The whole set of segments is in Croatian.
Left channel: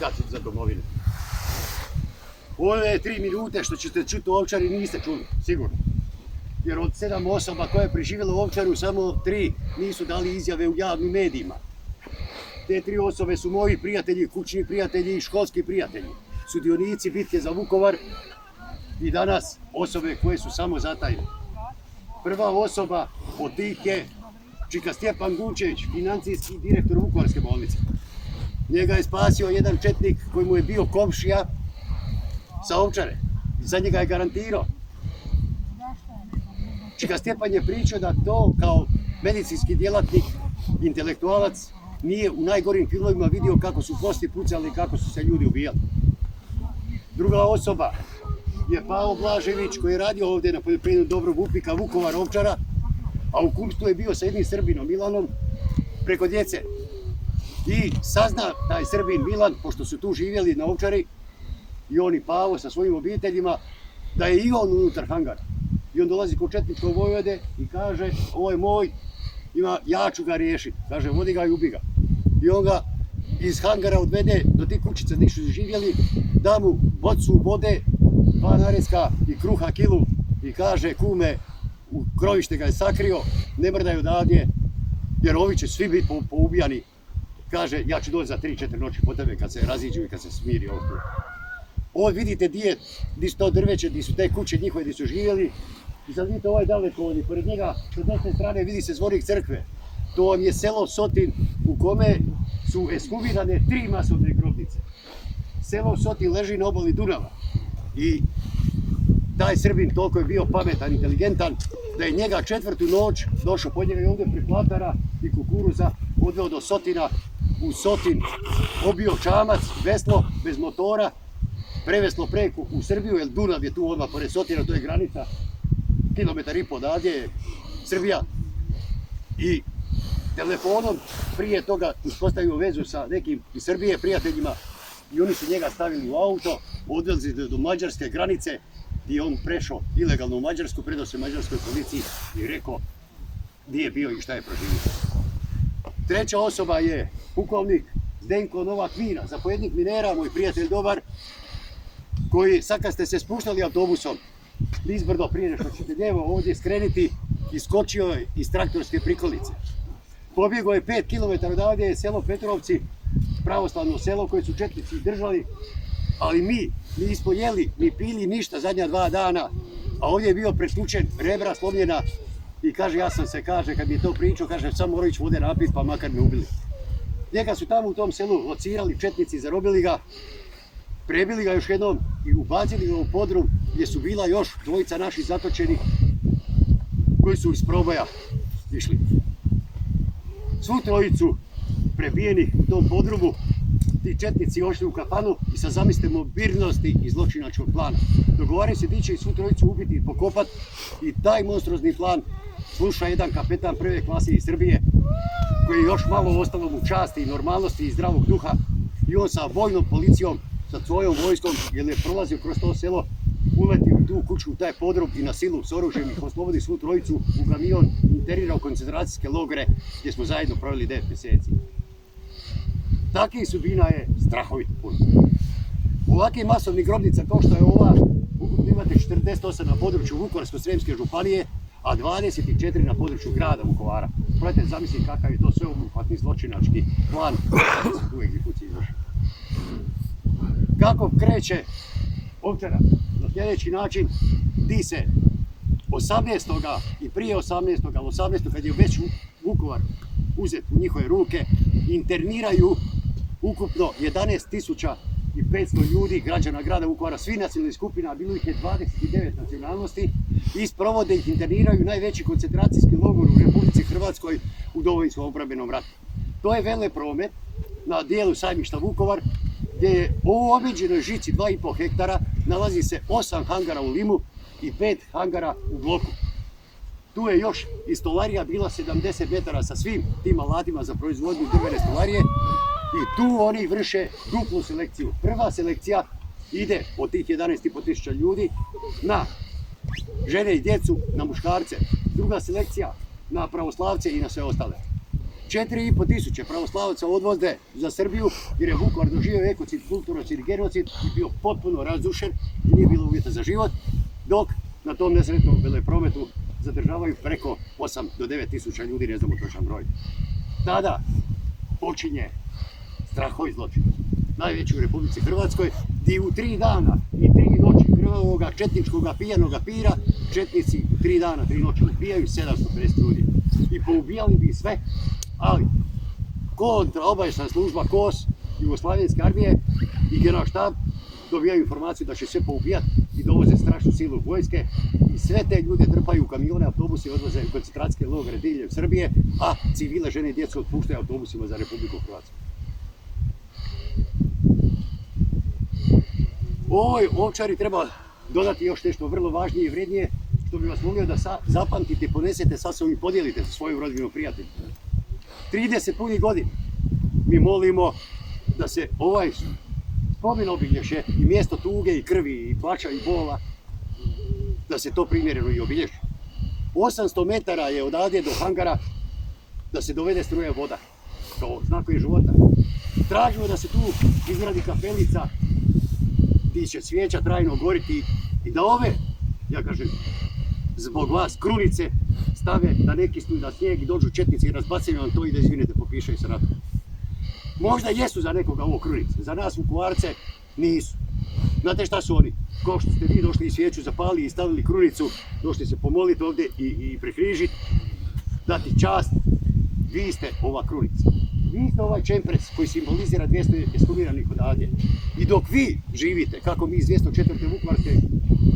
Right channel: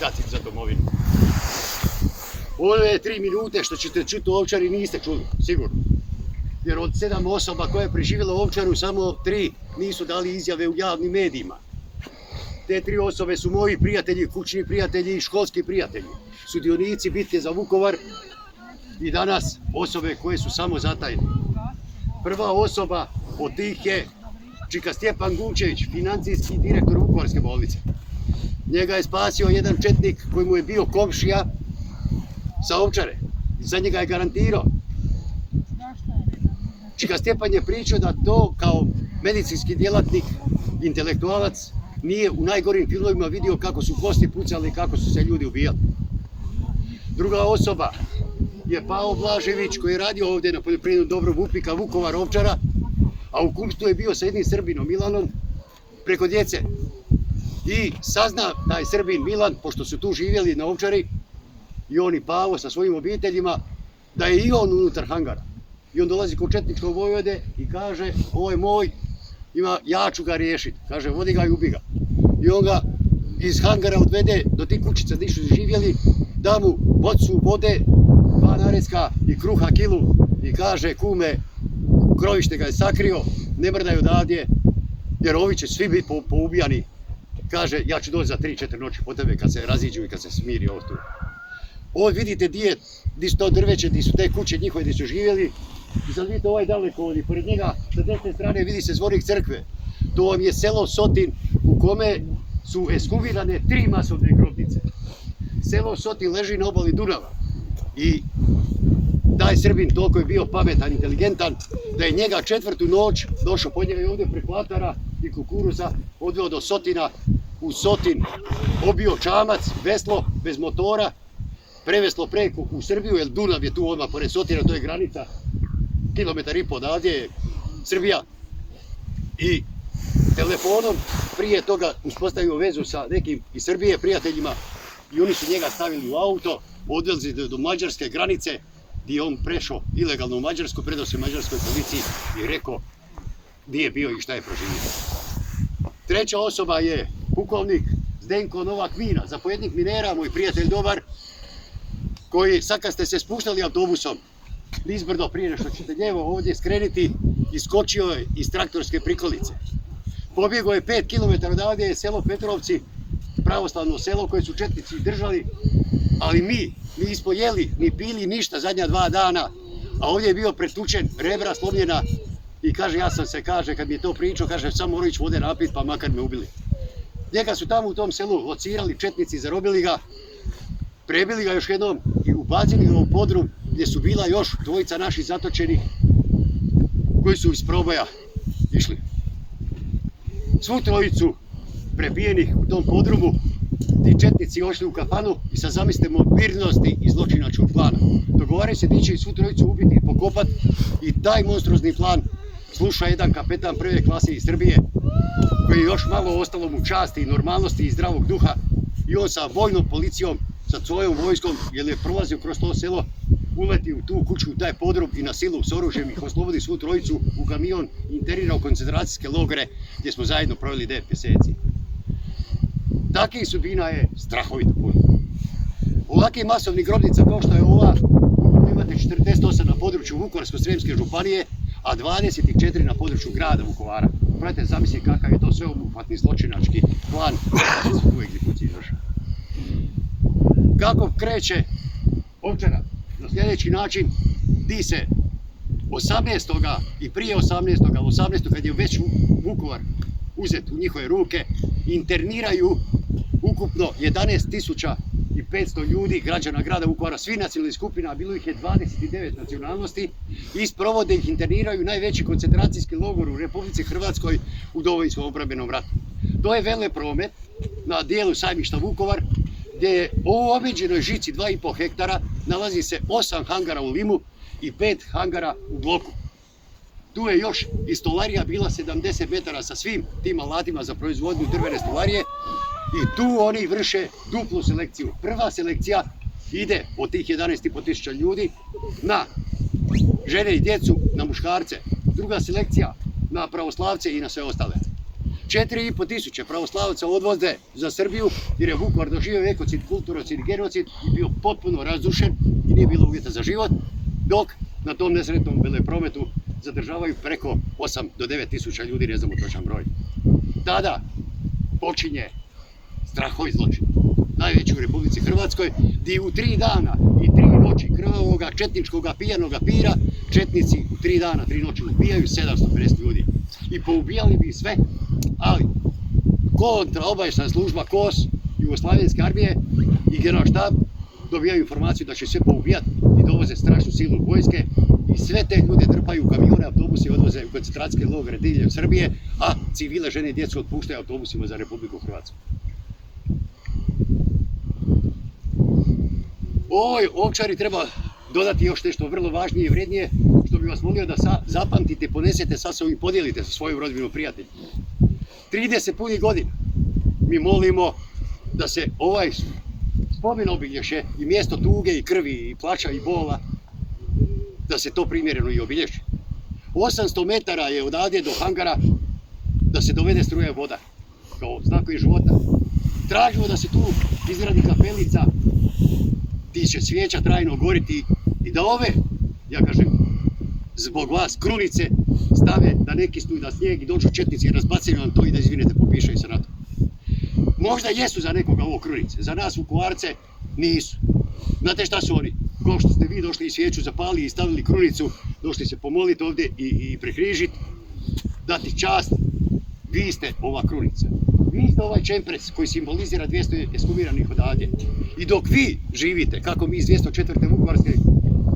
dati za domovinu. Ove 3 minute što ćete čuti u Ovčari niste čuli, sigurno. Jer od 7 osoba koje je preživjelo u Ovčaru, samo 3 nisu dali izjave u javnim medijima. Te 3 osobe su moji prijatelji, kućni prijatelji i školski prijatelji. Sudionici bitke za Vukovar i danas osobe koje su samo zatajne. Prva osoba od tih je čika Stjepan Gunčević, financijski direktor Vukovarske bolnice. Njega je spasio jedan četnik koji mu je bio komšija sa Ovčare. Za njega je garantirao. Čika Stjepan je pričao da to kao medicinski djelatnik, intelektualac, nije u najgorim filmovima vidio kako su kosti pucali i kako su se ljudi ubijali. Druga osoba je Pavo Blažević koji je radio ovdje na poljoprivrednom dobru Vupika, Vukovar, Ovčara, a u kumstvu je bio sa jednim Srbinom, Milanom, preko djece. I sazna taj Srbin Milan, pošto su tu živjeli na Ovčari, i on i Pavo sa svojim obiteljima, da je i on unutar hangara. I on dolazi kod četničkog vojvode i kaže, ovo je moj, ja ću ga riješiti. Kaže, vodi ga i ubi ga. I on ga iz hangara odvede do tih kućica gdje su živjeli, da mu bocu vode, 2 narecka i kruha kilu i kaže, kume, krovište ga je sakrio, ne mrdaj odavdje, jer ovi će svi biti poubijani. Kaže, ja ću doći za 3-4 noći po tebe kad se raziđu i kad se smiri ovo tu. Ovdje vidite di su to drveće, di su te kuće njihove gdje su živjeli. I sad vidite ovaj dalekovod i pored njega sa desne strane vidi se zvonik crkve. To vam je selo Sotin u kome su ekshumirane 3 masovne grobnice. Selo Sotin leži na obali Dunava i taj Srbin toliko je bio pametan, inteligentan, da je njega 4. noć došao pod njega i ovdje preko Atara i kukuruza odveo do Sotina, u Sotin obio čamac, veslo, bez motora, preveslo preko u Srbiju, jer Dunav je tu odmah pored Sotina, to je granica, 1,5 km odavdje je Srbija. I telefonom prije toga uspostavio vezu sa nekim iz Srbije prijateljima i oni su njega stavili u auto, odvezli do mađarske granice gdje je on prešao ilegalno u Mađarsku, predao se mađarskoj policiji i rekao gdje je bio i šta je proživio. Treća osoba je pukovnik Zdenko Novak Mina, zapovjednik minera, moj prijatelj dobar, koji sad kad ste se spuštali autobusom nizbrdo prije nešto ćete lijevo ovdje skrenuti, iskočio je iz traktorske prikolice. Pobjegao je 5 km odavdje je selo Petrovci, pravoslavno selo koje su četnici držali, ali mi nismo jeli ni pili ništa zadnja 2 dana, a ovdje je bio pretučen, rebra slomljena i kaže, ja sam se, kaže, kad mi je to pričao, kaže, sam morao ići vode napit pa makar me ubili. Njega su tamo u tom selu locirali četnici, zarobili ga, prebili ga još jednom i ubacili ga u podrum gdje su bila još 2 naših zatočenih koji su iz proboja išli. Svu 3 prebijenih u tom podrumu ti četnici ošli u kafanu i sad zamislite mobilnosti i zločinačkog plana. Dogovaraju se di će i svu 3 ubiti i pokopat i taj monstruozni plan sluša jedan kapetan 1. klase iz Srbije koji je još malo ostalo mu časti i normalnosti i zdravog duha i on sa vojnom policijom, sa svojom vojskom, jer je prolazio kroz to selo, uleti u tu kuću, u taj podrum i na silu s oružjem ih oslobodi svu 3 u kamion i internira u koncentracijske logore gdje smo zajedno proveli 9 mjeseci. Takvih sudbina je strahovito puno. Ovakvih masovnih grobnica kao što je ova, ukupno imate 48 na području Vukovarsko-srijemske županije, a 24 na području grada Vukovara. Probajte zamisliti kakav je to sveobuhvatni zločinački plan da se tu egzekuciji izvrši. Kako kreće Ovčara? Na sljedeći način, di se 18. i prije 18. ali 18. kad je već Vukovar uzet u njihove ruke, interniraju ukupno 11.500 ljudi, građana grada Vukovara, svi nacionalnih skupina, bilo ih je 29 nacionalnosti i sprovode ih, interniraju najveći koncentracijski logor u Republici Hrvatskoj u Domovinskom obrambenom ratu. To je velepromet na dijelu sajmišta Vukovar, gdje je u obiđenoj žici 2,5 hektara nalazi se 8 hangara u Limu i 5 hangara u Bloku. Tu je još i stolarija bila 70 metara sa svim tim alatima za proizvodnju drvene stolarije i tu oni vrše duplu selekciju. Prva selekcija ide od tih 11.500 ljudi na žene i djecu, na muškarce. Druga selekcija na pravoslavce i na sve ostale. 4,5 tisuće pravoslavaca odvoze za Srbiju jer je Vukovar doživio ekocid, kulturocid, genocid i bio potpuno razrušen i nije bilo uvjeta za život, dok na tom nesretnom veleprometu zadržavaju preko 8 do 9 tisuća ljudi, ne znamo točan broj. Tada počinje strahovit zločin, najveći u Republici Hrvatskoj, gdje u 3 dana i 3 noći krvavoga, četničkoga, pijanoga pira, četnici u 3 dana, 3 noći ubijaju 750 ljudi. I poubijali bi sve, ali kontraobavještajna služba KOS, Jugoslavenske armije i generalštab dobijaju informaciju da će sve poubijati i dovoze strašnu silu vojske i sve te ljude trpaju u kamione, autobuse i odvoze u koncentracijske logore diljem Srbije, a civile, žene i djecu otpuštaju autobusima za Republiku Hrvatsku. Ovoj Ovčari treba dodati još nešto vrlo važnije i vrijednije, što bi vas molio da zapamtite i ponesete sa sobom i podijelite sa svojim rodbinom prijateljima. 30 punih godina mi molimo da se ovaj spomen obilježe i mjesto tuge i krvi i plaća i bola, da se to primjereno i obilježi. 800 metara je odavde do hangara da se dovede struja voda, kao znakovi života. Tražimo da se tu izgradi kapelica, ti će svijeća trajno goriti i da ove, ja kažem, zbog vas krunice stave da neki stuju na snijeg i dođu četnici i razbacaju vam to i da izvinete popišaju se na to. Možda jesu za nekoga ovo krunice, za nas Vukovarce nisu. Znate šta su oni? Kao što ste vi došli i svijeću zapali i stavili krunicu, došli se pomoliti ovdje i prekrižiti, dati čast, vi ste ova krunica. Vi ste ovaj čempres koji simbolizira 200 ekshumiranih odavdje. I dok vi živite, kako mi iz 204. Vukovarske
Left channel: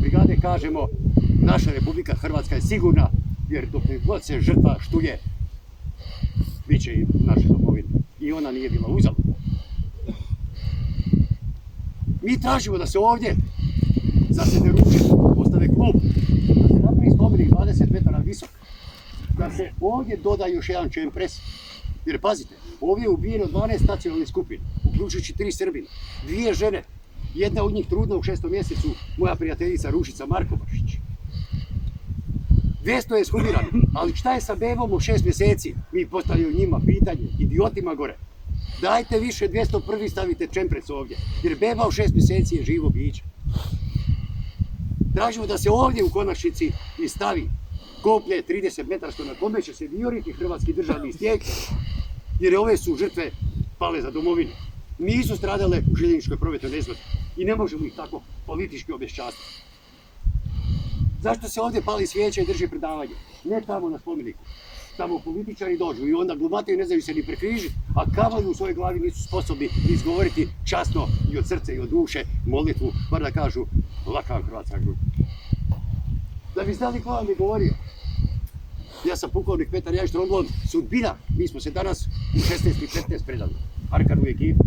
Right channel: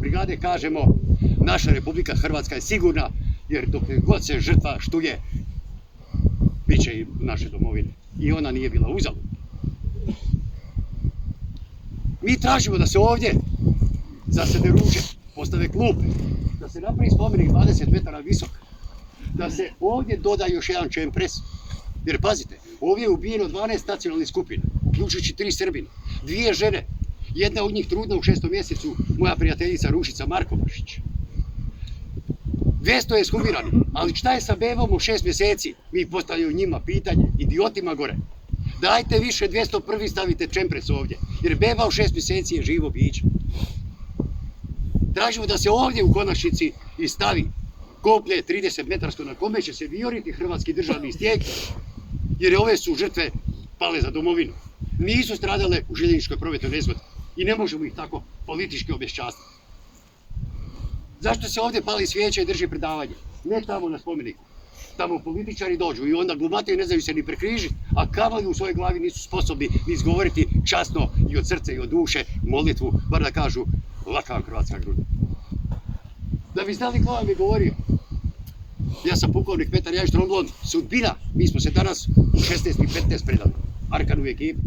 brigade kažemo, naša Republika Hrvatska je sigurna, jer dok god se žrtva štuje, bit će i naše domovine. I ona nije bila uzaludna. Mi tražimo da se ovdje zasede ruže, postave klupe, da se napravi spomenik 20 metara visok, da se ovdje doda još jedan čempres. Jer pazite, ovdje je ubijeno 12 nacionalnih skupina, uključujući 3 Srbina, 2 žene, jedna od njih trudna u 6. mjesecu, moja prijateljica Rušica Markobašić. 200 je ekshumirani, ali šta je sa bebom u 6 mjeseci? Mi postavljaju njima pitanje, idiotima gore. Dajte više 201. stavite čempres ovdje, jer beba u 6 mjeseci je živo biće. Tražimo da se ovdje u konačnici i stavi koplje 30 metarsko na kome će se vijoriti hrvatski državni stijeg, jer ove su žrtve pale za domovinu. Nisu stradale u željezničkoj prometnoj nezgodi i ne možemo ih tako politički obeščastiti. Zašto se ovdje pali svijeće i drži predavanje? Ne tamo na spomeniku. Tamo političari dođu i onda glumate i ne znaju se ni prekrižiti, a kamoli u svojoj glavi nisu sposobni ni izgovoriti časno i od srca i od duše molitvu, bar da kažu laka vam hrvatska gruda. Da bi znali ko vam je govorio, ja sam pukovnik Petar Jajić Tromblon, sudbina, mi smo se danas u 16 i 15 predali, Arkanu i ekipu.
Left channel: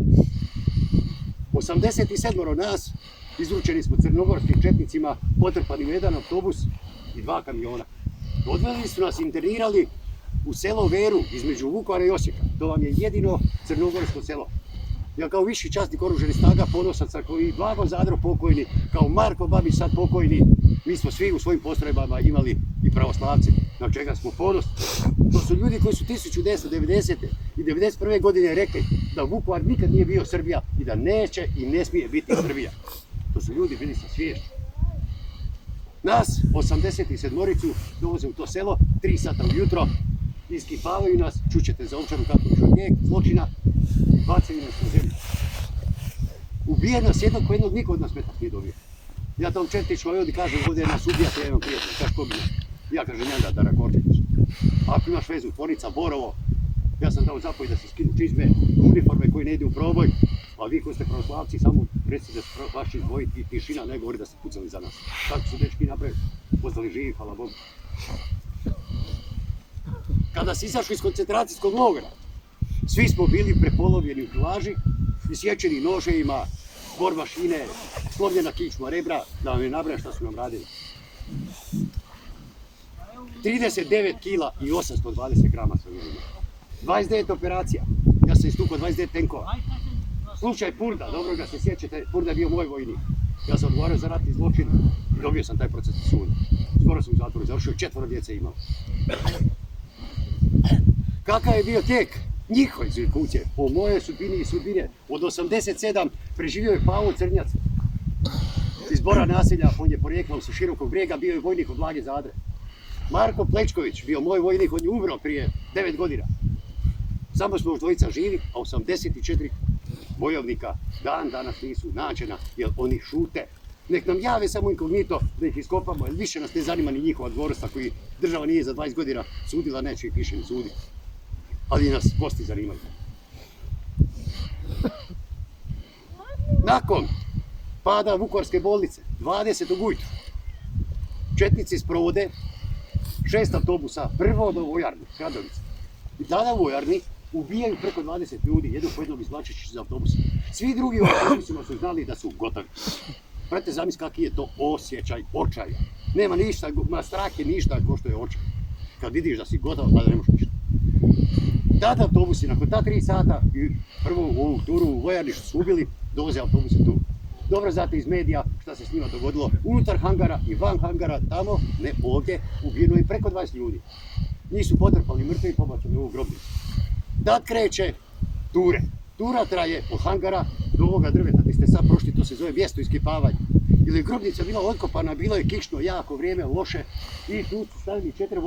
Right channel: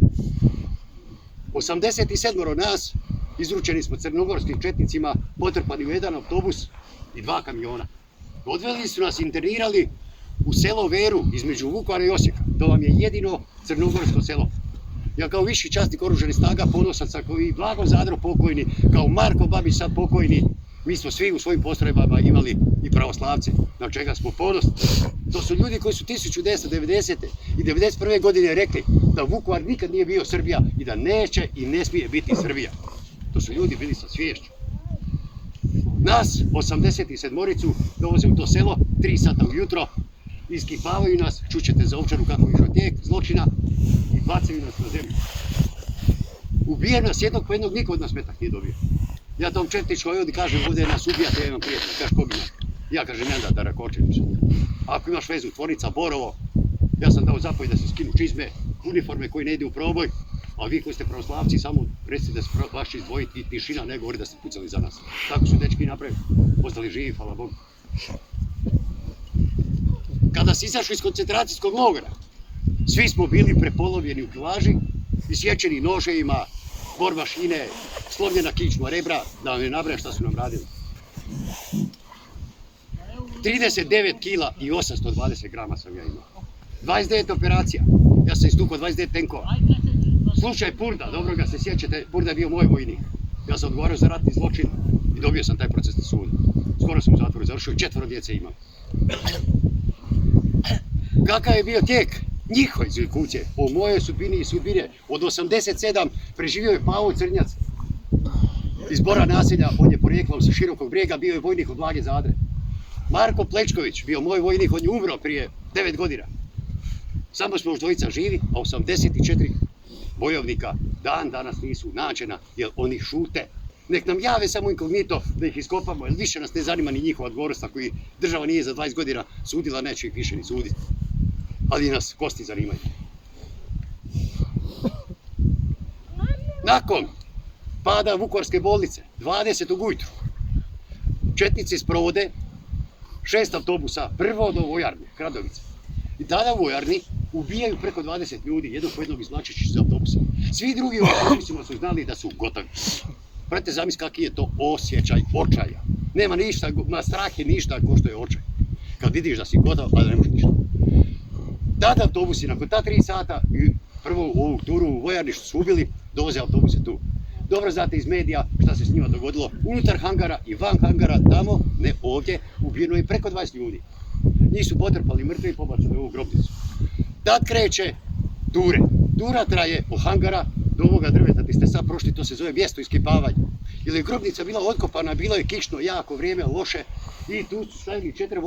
87 nas izručeni smo crnogorskim četnicima, potrpani u jedan autobus i 2 kamiona. Odveli su nas, internirali u selo Veru između Vukovara i Osijeka. To vam je jedino crnogorsko selo. Ja kao viši časnik oružanih snaga ponosan sam, kao i Blago Zadro pokojni, kao Marko Babić sad pokojni. Mi smo svi u svojim postrojbama imali i pravoslavce, na čega smo ponosni. To su ljudi koji su 1990. i 1991. godine rekli da Vukovar nikad nije bio Srbija i da neće i ne smije biti Srbija. To su ljudi bili sa sviješću. Nas, 87-oricu, dovoze u to selo, 3 sata ujutro, iskipavaju nas, čućete za Ovčaru kako išao tijek zločina i bacaju nas na zemlju. Ubije nas jednog ko jednog, niko od nas metak nije dobio. Ja tom četničkoj ovdje kažem, ovdje nas ubijate, ja imam prijatelja, kaže ko bi nas? Ja kažem, ja da Rakočević. Ako imaš vezu, tvornica Borovo, ja sam dao zapoj da se skinu čizme, uniforme koji ne ide u proboj, a vi koji ste pravoslavci samo recite da se vaš će izdvojiti i tišina, ne govori da ste pucali za nas. Tako su dečki napravili, ostali živi, hvala Bogu. Kada se izašli iz koncentracijskog logora, svi smo bili prepolovljeni u kilaži, isječeni noževima, borbašine, slomljena kičma, rebra, da vam ne nabrajam šta su nam radili. 39 kila i 820 grama sam ja imao. 29 operacija, ja sam istukao 29 tenkova. Slučaj Purda, dobro ga se sjećate, Purda je bio moj vojnik. Ja sam odgovarao za ratni zločin i dobio sam taj procesni sud. Skoro sam u zatvoru završio i 4 djece imao. Kakav je bio tijek njihove kuće, o mojoj sudbini i sudbine. Od 87 preživio je Pavo Crnjac iz Bora naselja, on je porijeklom sa Širokog Brijega, bio je vojnik od Blage Zadre. Marko Plečković, bio moj vojnik, on je umro prije 9 godina. Samo smo još dvojica živi, a 84 bojovnika dan danas nisu nađena, jer oni šute. Nek nam jave samo inkognito da ih iskopamo, jer više nas ne zanima ni njihova dvorstva koji država nije za 20 godina sudila, neće ih više ni suditi. Ali nas kosti zanimaju. Nakon pada Vukovarske bolnice, 20. ujutru, četnici sprovode 6 autobusa, prvo do vojarne, Kradovice. I tada u vojarni ubijaju preko 20 ljudi, jednog po jednog izvlačeći iz autobusa. Svi drugi u autobusima su znali da su gotovi. Prate zamisli kakav je to osjećaj očaja. Nema ništa, strah je ništa ko što je očaj. Kad vidiš da si gotov, a da ne možeš ništa. Tada autobusi, nakon ta 3 sata, prvu ovu turu u vojarni što su ubili, dovoze autobuse tu. Dobro znate iz medija šta se s njima dogodilo. Unutar hangara i van hangara, tamo, ne ovdje, ubijeno je preko 20 ljudi. Njih su potrpali mrtve i pobacali u ovu grobnicu. Tad kreće ture. Tura traje od hangara do ovoga drveta gdje ste sad prošli, to se zove mjesto iskopavanja. Jer je grobnica bila otkopana, bilo je kišno, jako vrijeme, loše i tu su stavili 4